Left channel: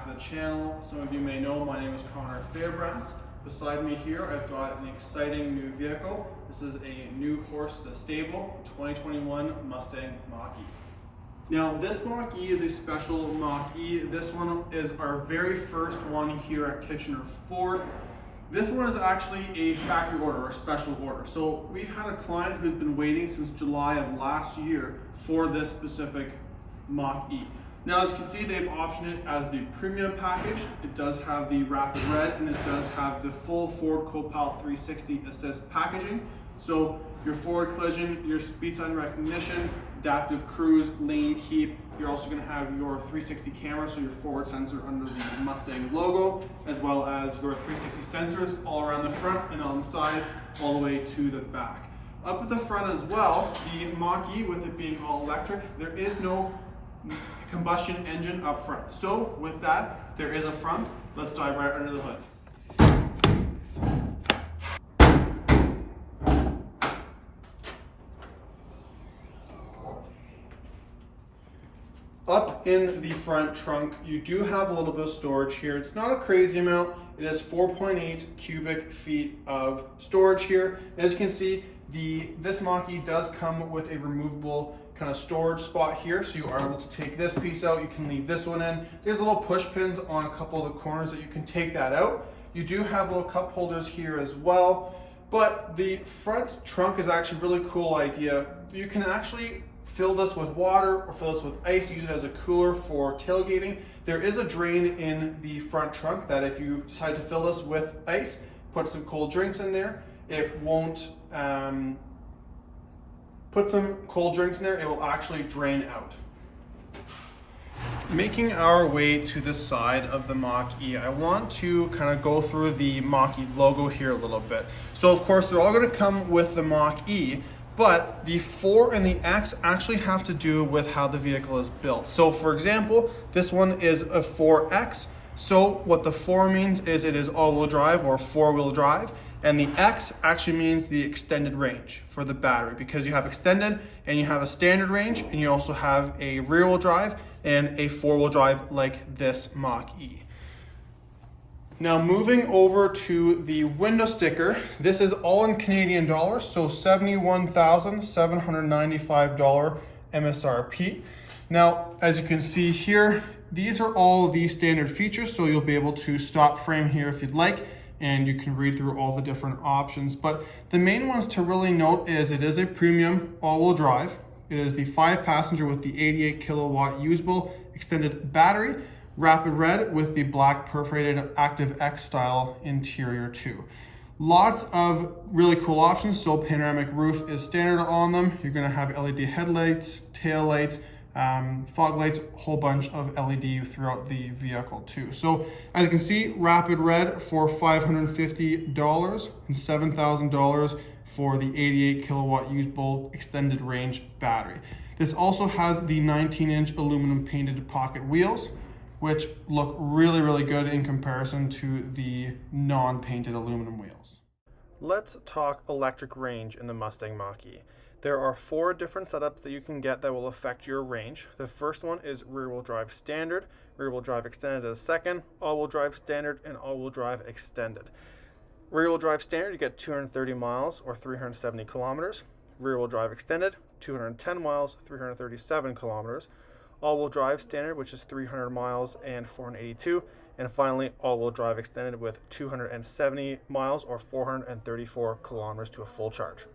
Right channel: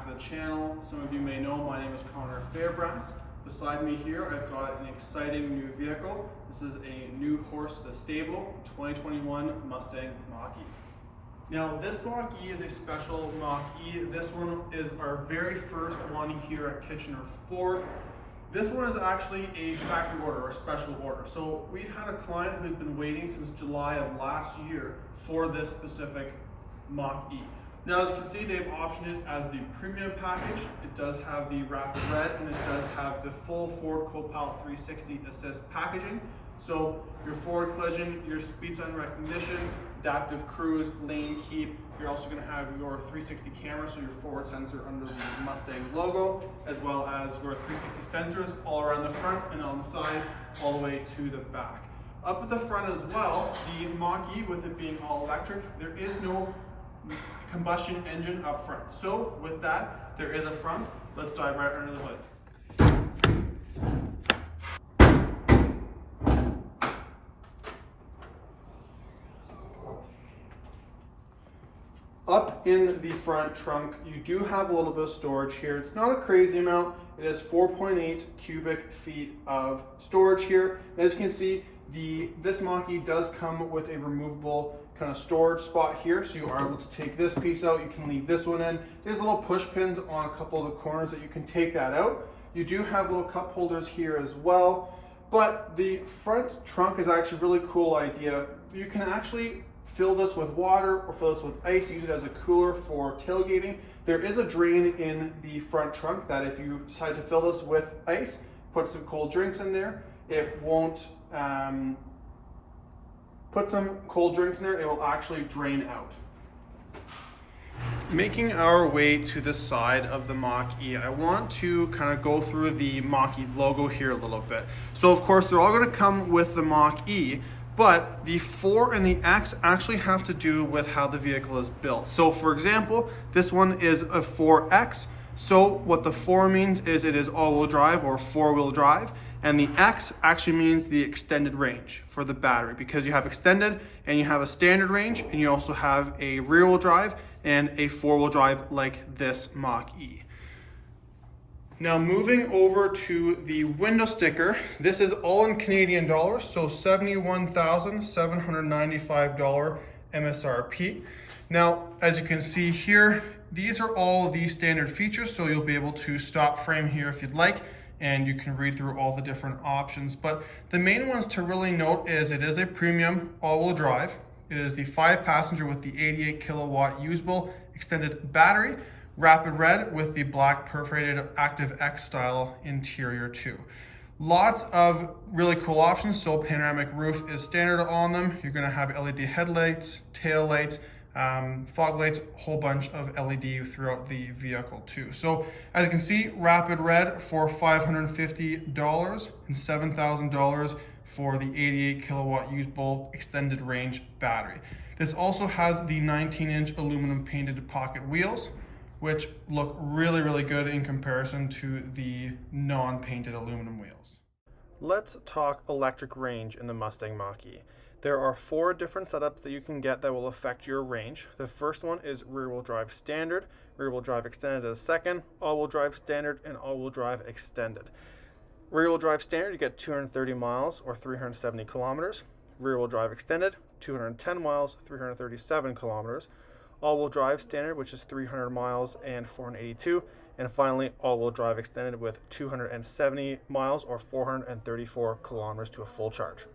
back to the channel. Some of you may know my name is Connor Fairbrass. Beside me here, I've got an exciting new vehicle. This is a new horse to the stable, 2021 Mustang Mach E. Now this Mach E is a special Mach E. This one is our very first one here at Kitchener Ford. This one is actually a factory order, or special order. So we've had a client who's been waiting since July of last year for this specific Mach E. Now, as you can see, they've optioned it as the premium package. It does have the Rapid Red, and it does have the full Ford Copilot 360 assist packaging. So your forward collision, your speed sign recognition, adaptive cruise, lane keep. You're also going to have your 360 camera, so your forward sensor under the Mustang logo, as well as your 360 sensors all around the front and on the side, all the way to the back. Up at the front as well, the Mach E, with it being all electric, there is no combustion engine up front. So with that, there is a front. Let's dive right under the hood. Up in the front trunk, you do have a little bit of storage here. It's not a crazy amount. It is 4.8 cubic feet of storage here. As you can see, this Mach E does come with a removable kind of storage spot here, so you are able to take this piece out. You can leave this one in. There's little push pins on a couple of the corners that you can take that out. You do have little cup holders here as well, but the front trunk is actually a really cool idea. You can actually fill this with water or fill this with ice, use it as a cooler for tailgating. There is a drain in the front trunk that if you decide to fill this with ice, put some cold drinks in there, it won't put some cold drinks in there, it will actually drain out. Making our way to the side of the Mach E, I want to kind of go through the Mach E logo here a little bit. So of course, they're all going to come with the Mach E, but the 4 and the X actually have to do with how the vehicle is built. So for example, this one is a 4X. So what the 4 means is it is all-wheel drive or 4-wheel drive. And the X actually means the extended range for the battery, because you have extended and you have a standard range, and you also have a rear-wheel drive and a 4-wheel drive like this Mach E. Now moving over to the window sticker, this is all in Canadian dollars, so $71,795 MSRP. Now, as you can see here, these are all the standard features, so you'll be able to stop frame here if you'd like, and you can read through all the different options. But the main ones to really note is it is a premium all-wheel drive. It is the 5-passenger with the 88 kilowatt usable extended battery, Rapid Red with the black perforated Active X style interior too. Lots of really cool options. So panoramic roof is standard on them. You're gonna have LED headlights, tail lights, fog lights, a whole bunch of LED throughout the vehicle too. So as you can see, Rapid Red for $550 and $7,000 for the 88 kilowatt usable extended range battery. This also has the 19-inch aluminum painted pocket wheels, which look really, really good in comparison to the non-painted aluminum wheels. Let's talk electric range in the Mustang Mach E. There are 4 different setups that you can get that will affect your range. The first one is rear-wheel drive standard, rear-wheel drive extended as second, all-wheel drive standard, and all-wheel drive extended. Rear-wheel drive standard, you get 230 miles or 370 kilometers. Rear-wheel drive extended, 210 miles, 337 kilometers. All-wheel drive standard, which is 300 miles and 482. And finally, all-wheel drive extended with 270 miles or 434 kilometers to a full charge.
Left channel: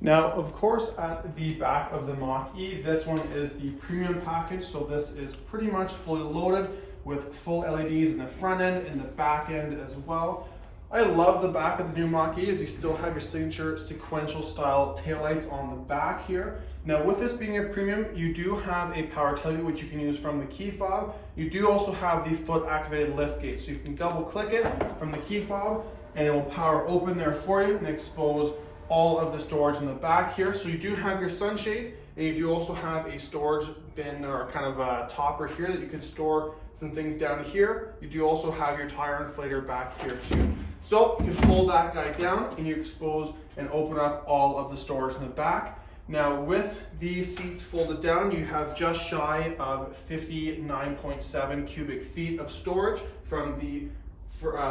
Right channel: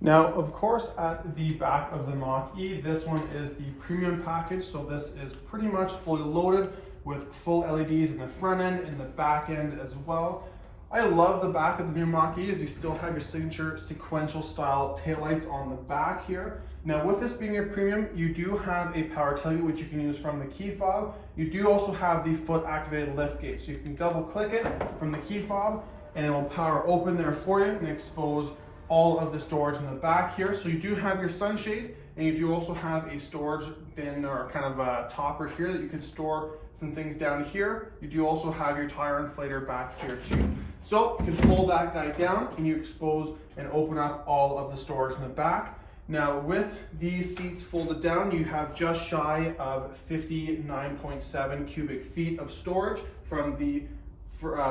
Now, of course, at the back of the Mach E, this one is the premium package. So this is pretty much fully loaded with full LEDs in the front end and the back end as well. I love the back of the new Mach E, as you still have your signature sequential style taillights on the back here. Now with this being a premium, you do have a power tailgate which you can use from the key fob. You do also have the foot activated lift gate, so you can double click it from the key fob and it will power open there for you and expose all of the storage in the back here. So you do have your sunshade, and you do also have a storage bin or kind of a topper here that you can store some things down here. You do also have your tire inflator back here too. So you can fold that guy down and you expose and open up all of the storage in the back. Now with these seats folded down, you have just shy of 59.7 cubic feet of storage from the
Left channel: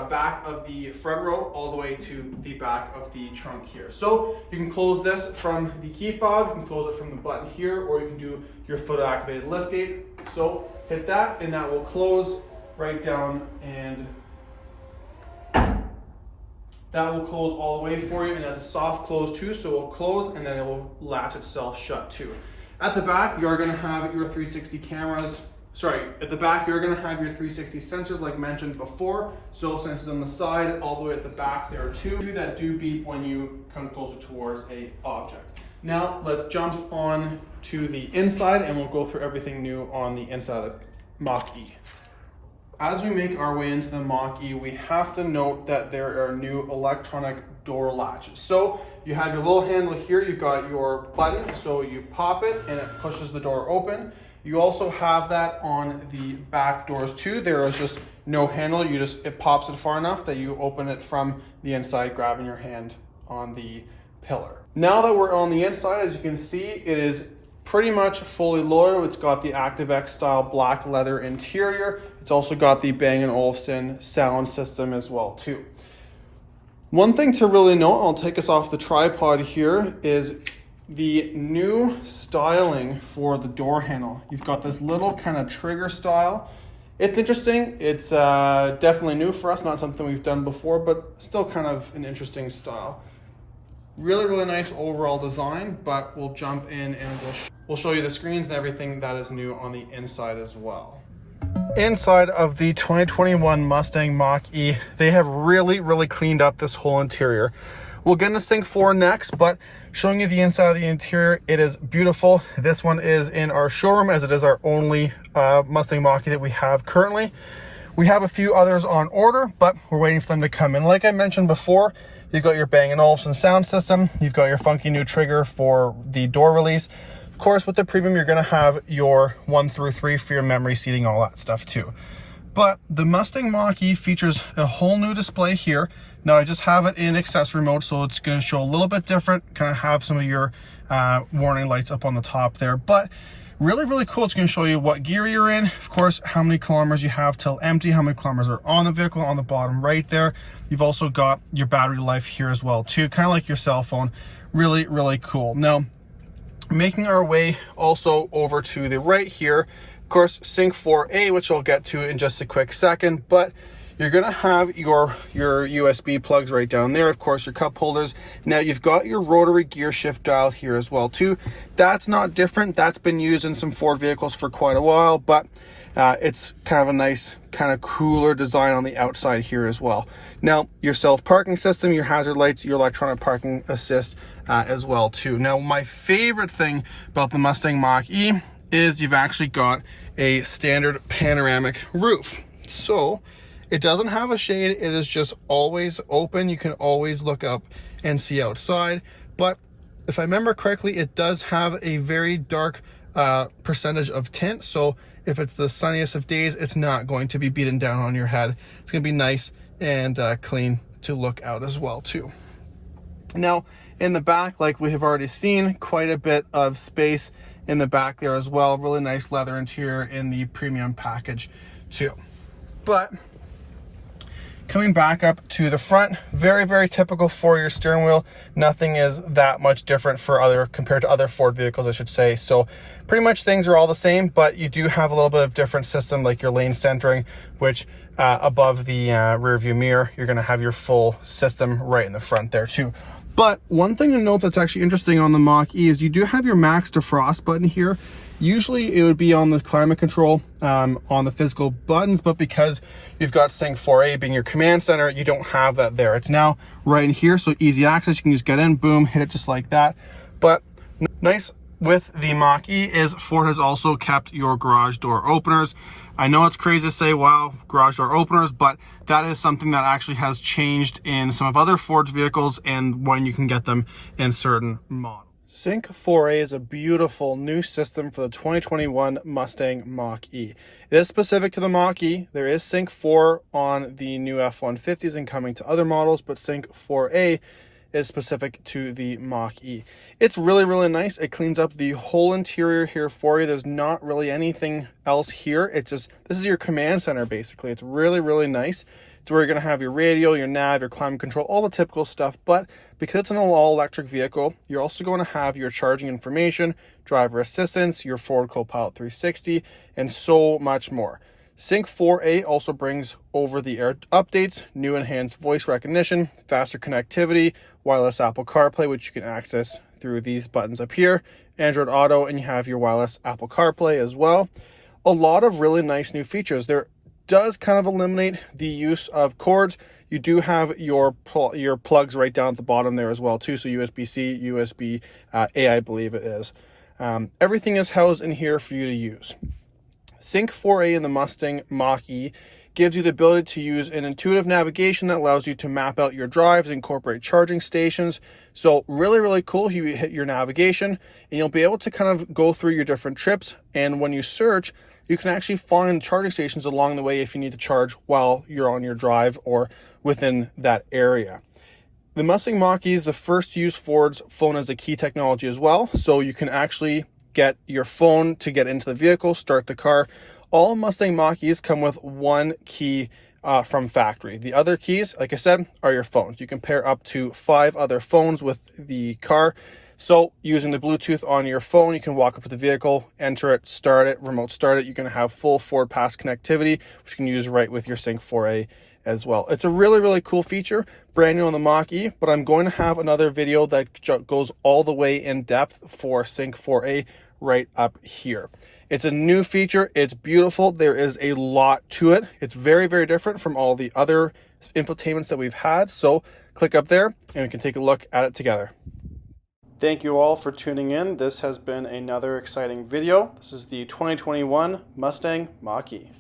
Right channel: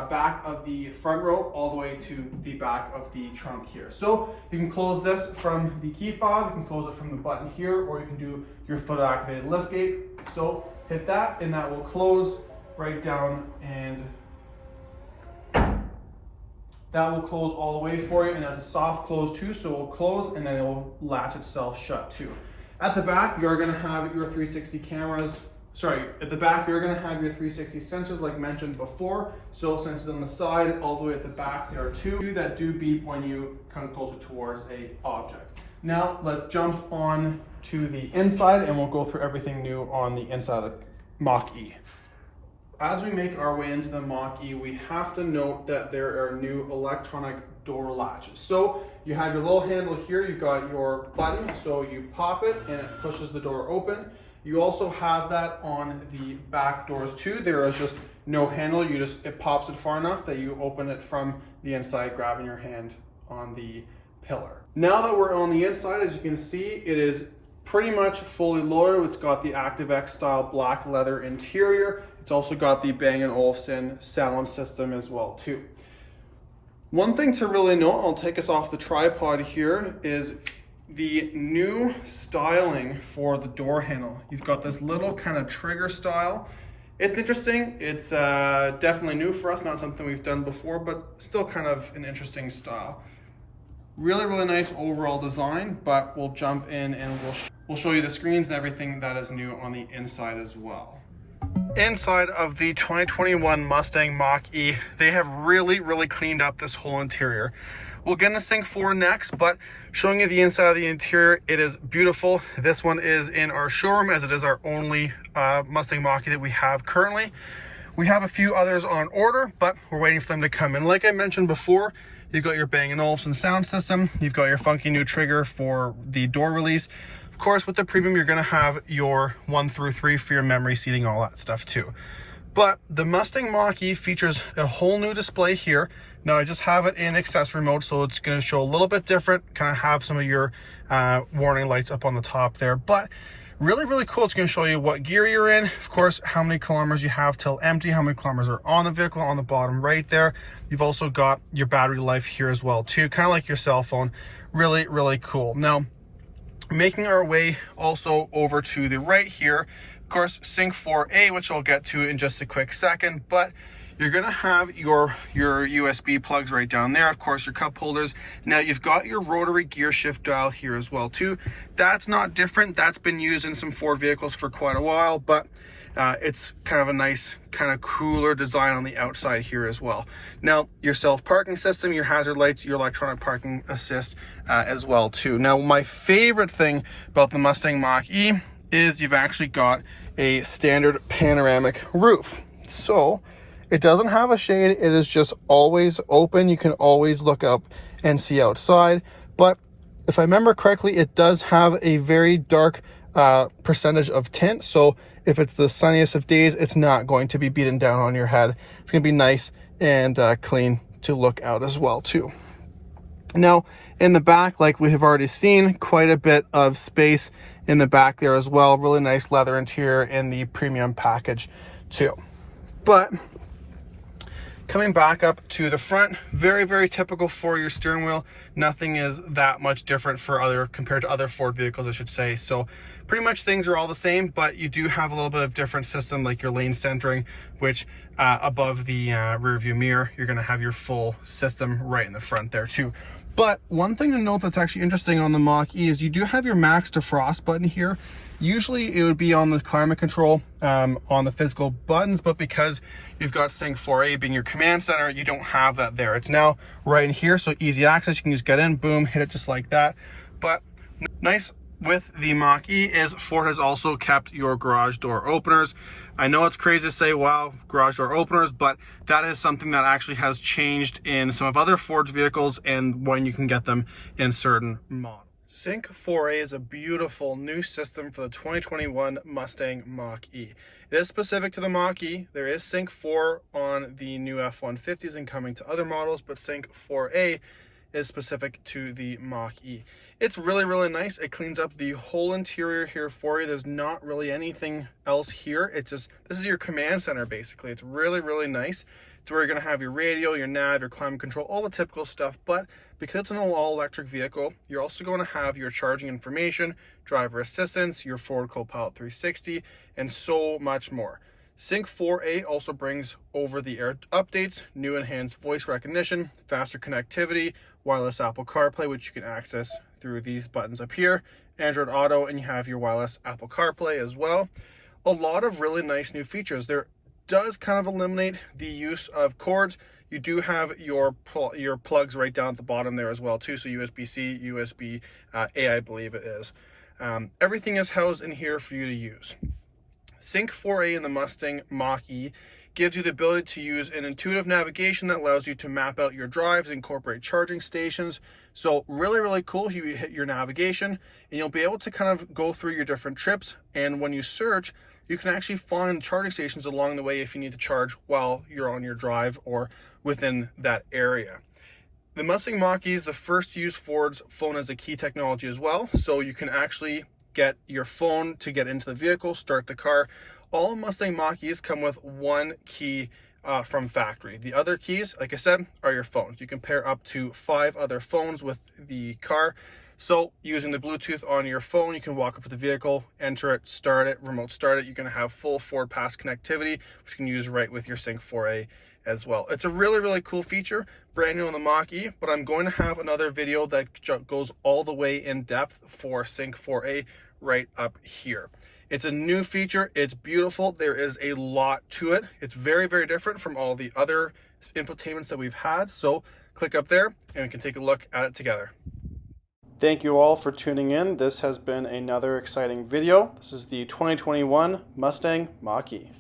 back of the front row all the way to the back of the trunk here. So you can close this from the key fob, you can close it from the button here, or you can do your foot activated lift gate. So hit that and that will close right down, and that will close all the way for you, and it's a soft close too, so it will close and then it will latch itself shut too. At the back, you're gonna have your 360 cameras. At the back, you're gonna have your 360 sensors like mentioned before. So sensors on the side, all the way at the back, there are two that do beep when you come closer towards a object. Now, let's jump on to the inside and we'll go through everything new on the inside of the Mach E. As we make our way into the Mach E, we have to note that there are new electronic door latches. So you have your little handle here, you've got your button, so you pop it and it pushes the door open. You also have that on the back doors too. There is just no handle, it pops it far enough that you open it from the inside, grabbing your hand on the pillar. Now that we're on the inside, as you can see, it is pretty much fully loaded. It's got the ActiveX style black leather interior. It's also got the Bang & Olufsen sound system as well too. One thing to really note, I'll take us off the tripod here, is the new styling for the door handle. You've got this little kind of trigger style. It's interesting. It's definitely new for us, not something we've done before, but still kind of an interesting style. Really, really nice overall design, but we'll jump in and we'll show you the screens and everything that is new on the inside as well. Inside of the 2021 Mustang Mach E, they have really cleaned up this whole interior. We'll get into Sync 4 next, but showing you the inside of the interior, it is beautiful. This one is in our showroom, as it is our only Mustang Mach E that we have currently. We have a few others on order, but we're waiting for them to come in. Like I mentioned before, you've got your Bang & Olufsen sound system. You've got your funky new trigger for the door release. Of course, with the Premium, you're gonna have your 1 through 3 for your memory seating, all that stuff too. But the Mustang Mach E features a whole new display here. Now I just have it in accessory mode, so it's gonna show a little bit different, kind of have some of your warning lights up on the top there, but really cool. It's gonna show you what gear you're in, of course, how many kilometers you have till empty, how many kilometers are on the vehicle on the bottom right there. You've also got your battery life here as well too, kind of like your cell phone. Really cool. Now, making our way also over to the right here, of course, Sync 4A, which I'll get to in just a quick second, but you're gonna have your USB plugs right down there, of course, your cup holders. Now you've got your rotary gear shift dial here as well too. That's not different. That's been used in some Ford vehicles for quite a while, but it's kind of a nice, kind of cooler design on the outside here as well. Now, your self-parking system, your hazard lights, your electronic parking assist as well too. Now, my favorite thing about the Mustang Mach E is you've actually got a standard panoramic roof. So it doesn't have a shade. It is just always open. You can always look up and see outside. But if I remember correctly, it does have a very dark percentage of tint. So if it's the sunniest of days, it's not going to be beaten down on your head. It's going to be nice and clean to look out as well too. Now in the back, like we have already seen, quite a bit of space in the back there as well. Really nice leather interior in the Premium package too. But coming back up to the front, very typical for your steering wheel. Nothing is that much different compared to other Ford vehicles, I should say. So pretty much things are all the same, but you do have a little bit of different system, like your lane centering, which above the rear view mirror, you're gonna have your full system right in the front there too. But one thing to note that's actually interesting on the Mach E is you do have your max defrost button here. Usually it would be on the climate control on the physical buttons, but because you've got Sync 4A being your command center, you don't have that there. It's now right in here, so easy access. You can just get in, boom, hit it just like that. But nice with the Mach E is Ford has also kept your garage door openers. I know it's crazy to say, wow, garage door openers, but that is something that actually has changed in some of other Ford's vehicles and when you can get them in certain models. Sync 4A is a beautiful new system for the 2021 Mustang Mach E. It is specific to the Mach E. There is Sync 4 on the new F-150s and coming to other models, but Sync 4A is specific to the Mach E. It's really, really nice. It cleans up the whole interior here for you. There's not really anything else here. It's just, this is your command center basically. It's really, really nice. It's where you're gonna have your radio, your nav, your climate control, all the typical stuff, but because it's an all-electric vehicle, you're also going to have your charging information, driver assistance, your Ford Copilot 360, and so much more. Sync 4A also brings over-the-air updates, new enhanced voice recognition, faster connectivity, wireless Apple CarPlay, which you can access through these buttons up here, Android Auto, and you have your wireless Apple CarPlay as well. A lot of really nice new features. There does kind of eliminate the use of cords. You do have your plugs right down at the bottom there as well too. So USB-C, USB-A, I believe it is. Everything is housed in here for you to use. Sync 4A in the Mustang Mach E gives you the ability to use an intuitive navigation that allows you to map out your drives, incorporate charging stations. So really, really cool. You hit your navigation and you'll be able to kind of go through your different trips. And when you search, you can actually find charging stations along the way if you need to charge while you're on your drive or within that area. The Mustang Mach E is the first to use Ford's phone as a key technology as well. So you can actually get your phone to get into the vehicle, start the car. All Mustang Mach E's come with one key from factory. The other keys, like I said, are your phones. You can pair up to 5 other phones with the car. So using the Bluetooth on your phone, you can walk up to the vehicle, enter it, start it, remote start it. You can have full Ford Pass connectivity, which you can use right with your Sync 4A as well. It's a really, really cool feature, brand new on the Mach E, but I'm going to have another video that goes all the way in depth for Sync 4A right up here. It's a new feature. It's beautiful. There is a lot to it. It's very, very different from all the other infotainments that we've had. So click up there and we can take a look at it together. Thank you all for tuning in. This has been another exciting video. This is the 2021 Mustang Mach E.